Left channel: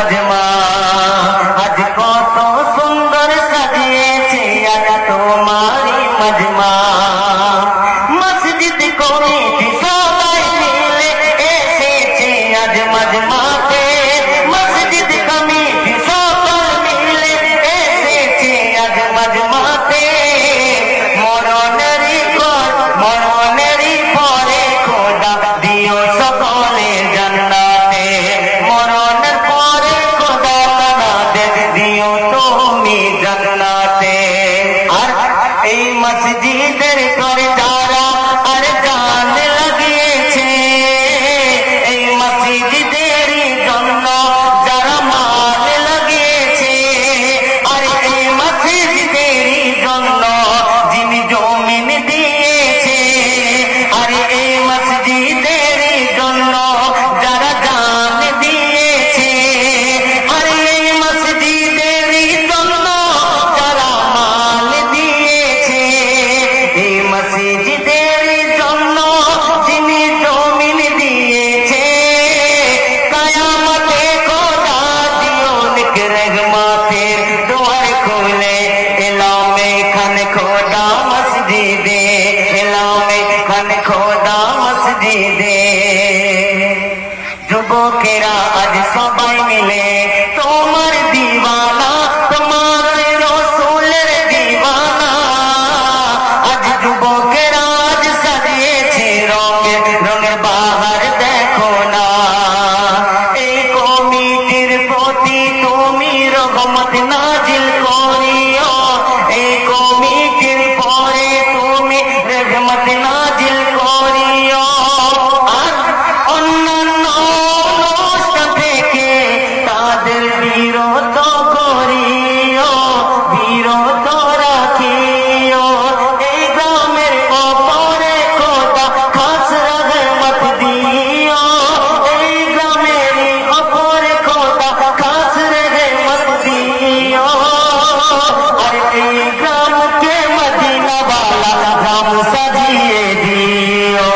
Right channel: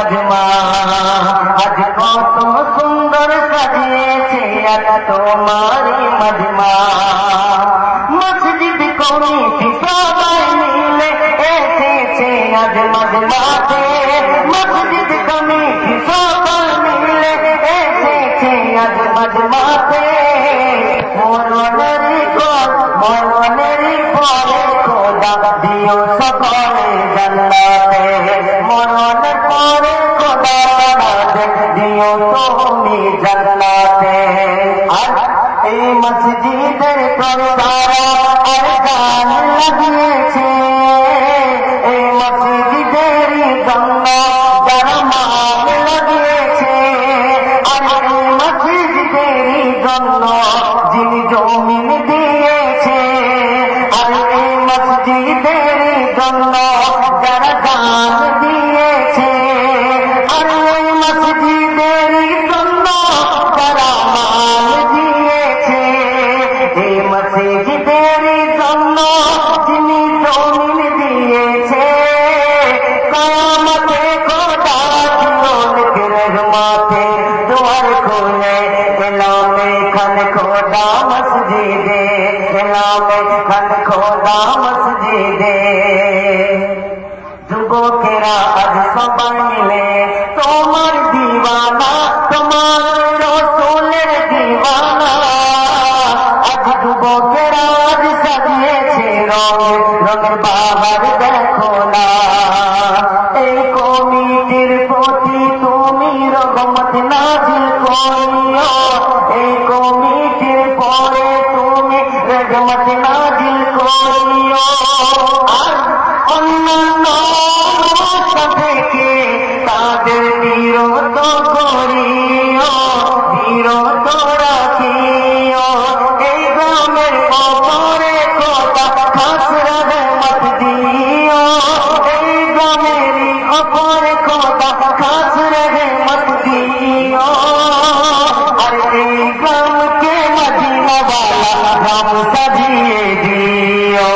আজ কত সুন্দর সাজিয়েছে আজ তোমারি মজমা মসজিদ কমিটি সবাই মিলে এসেছে আজ মজমাতে মসজিদ কমিটি সবাই মিলে এসেছে আজ মজমাতে মরণেরই পরে খোদা দিও সকলে জান্নাতে মরণের পরে খোদা আমাদের দিও তুমি জান্নাতে আর এই মসজিদের করে যারা আর জান লাগিয়েছে এই মসজিদের জন্য যারা মাল লাগিয়েছে আর এই মসজিদের জন্য যিনি জমিন দিয়েছে আর এই মসজিদের জন্য যারা জান দিয়েছে আর এই মসজিদের জন্য যারা মাল দিয়েছে এই মসজিদের জন্য যিনি জমিন দিয়েছে কায়ামতে খোদা দিও নেক রহমতে দুয়ার খুলে এলামে খান খোদা মসজিদে এলামে খান খোদা মসজিদে যুবকেরা আজ সবাই মিলে তোমার দিওয়ানা তোমার রসুলের দিওয়ানা আজ যুবকেরা আজ সাজিয়েছে রঙের বাহার দেখো না এই কমিটির প্রতি তুমি রহমত নাজিল করিও এই কমিটির পরে তুমি রহমত নাজিল করিও আর অন্যান্য অনুষ্ঠান থেকে তাদের বিরত করিও বিরত রাখিও এই গ্রামের অপরে খোদা খাস রহমত দিও এই গ্রামের অপরে খোদা খাস রহমত দিও আর এই গ্রামকে মদিনা वाला গ্রাম সাজিয়ে দিও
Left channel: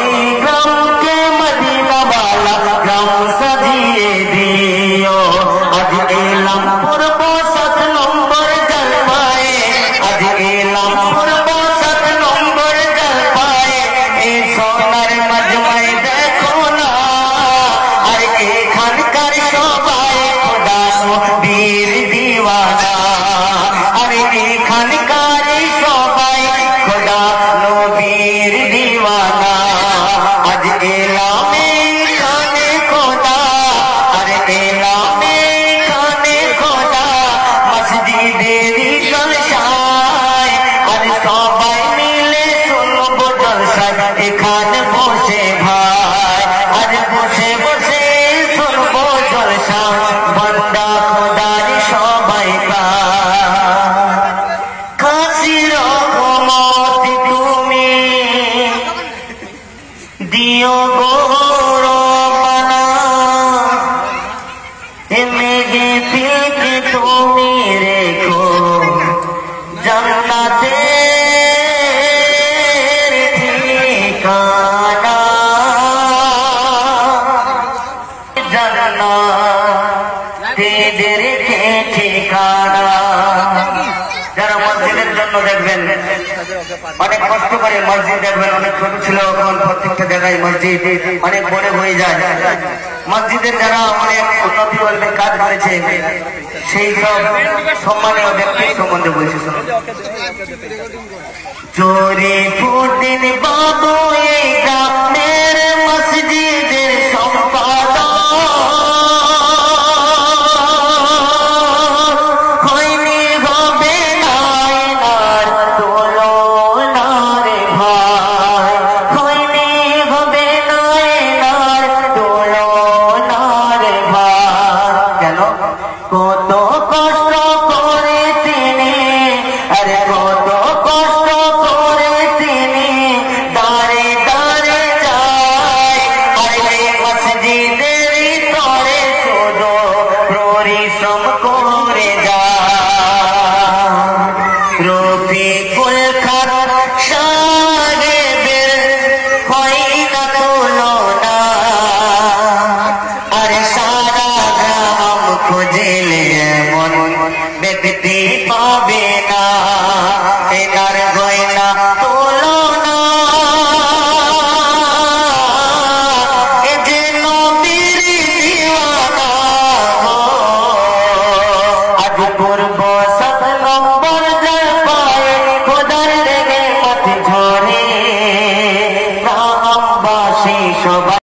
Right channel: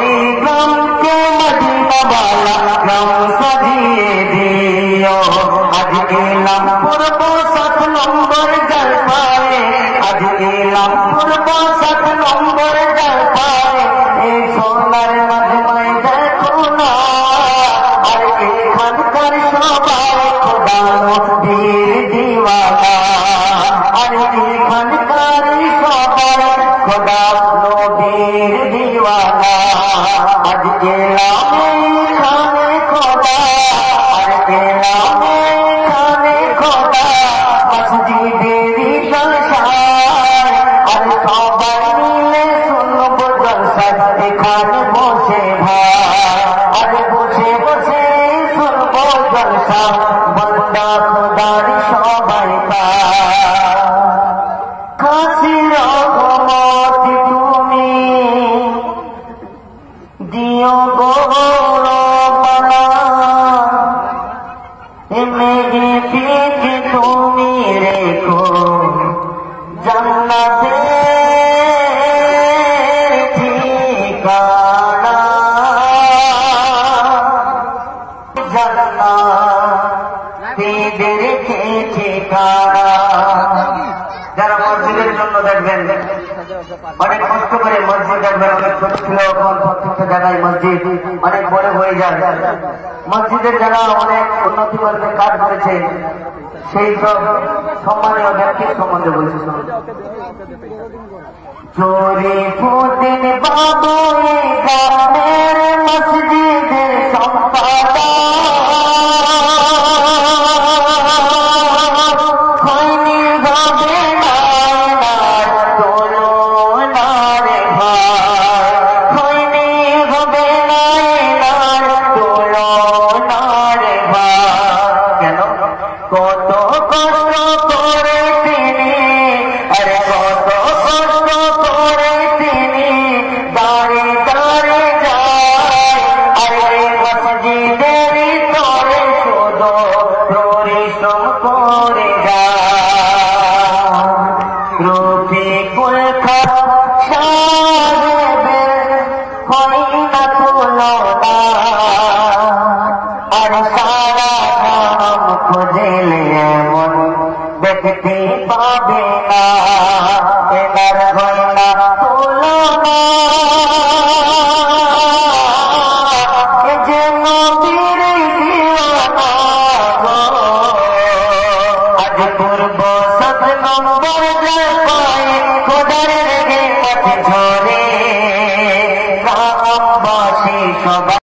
এই গ্রামকে মদিনা वाला গ্রাম সাজিয়ে দিও আজ এলাম পূর্ব 7 নম্বর জলপায়ে আজ এলাম পূর্ব 7 নম্বর জলপায়ে এই সোনার মজমায় দেখো না আর এখানকার সবাই খোদা নবীর দিওয়ানা আর এখানকার সবাই খোদা নবীর দিওয়ানা আজ এলামে খানে খোদা আর এলামে খানে খোদা মসজিদের জলসায় আর সবাই মিলে শুনবো জলসায় এখানে বসে ভাই আজ বসে বসে শুনবো জলসা বন্দা খোদার সবাই খাসি রহমত তুমি দিও গো রব্বানা মেঘে দিলকে তুমি রেখো জান্নাতে ঠিকানা জান্নাতে রেখে ঠিকানা যারা মসজিদের জন্য দেখবেন অনেক কষ্ট করে মসজিদ দেখবেন অনেক ছোট ছিল এখন প্রত্যেকটা জায়গায় মসজিদ অনেক বড় হয়ে যায় মসজিদের যারা অনেক উন্নতি করবে কাজ করেছে সেই সব সম্মানীয় ব্যক্তির সম্বন্ধে বলছি চোরে ফুটিন বাবু এই গ্রামের মসজিদের সম্পাদক হয়নি হবে না এনার তুলনা রে ভাই হয়নি হবে না এনার তুলনা রে ভাই কেন কত কষ্ট করে তিনি আরে কত কষ্ট করে তিনি দাঁড়ে দাঁড়ে যায় আরে মসজিদের তরে শুধু পরিশ্রম করে যায় রফিকুল খান সাহেবের হয় না তুলনা আর সারা গ্রাম বৃদ্ধি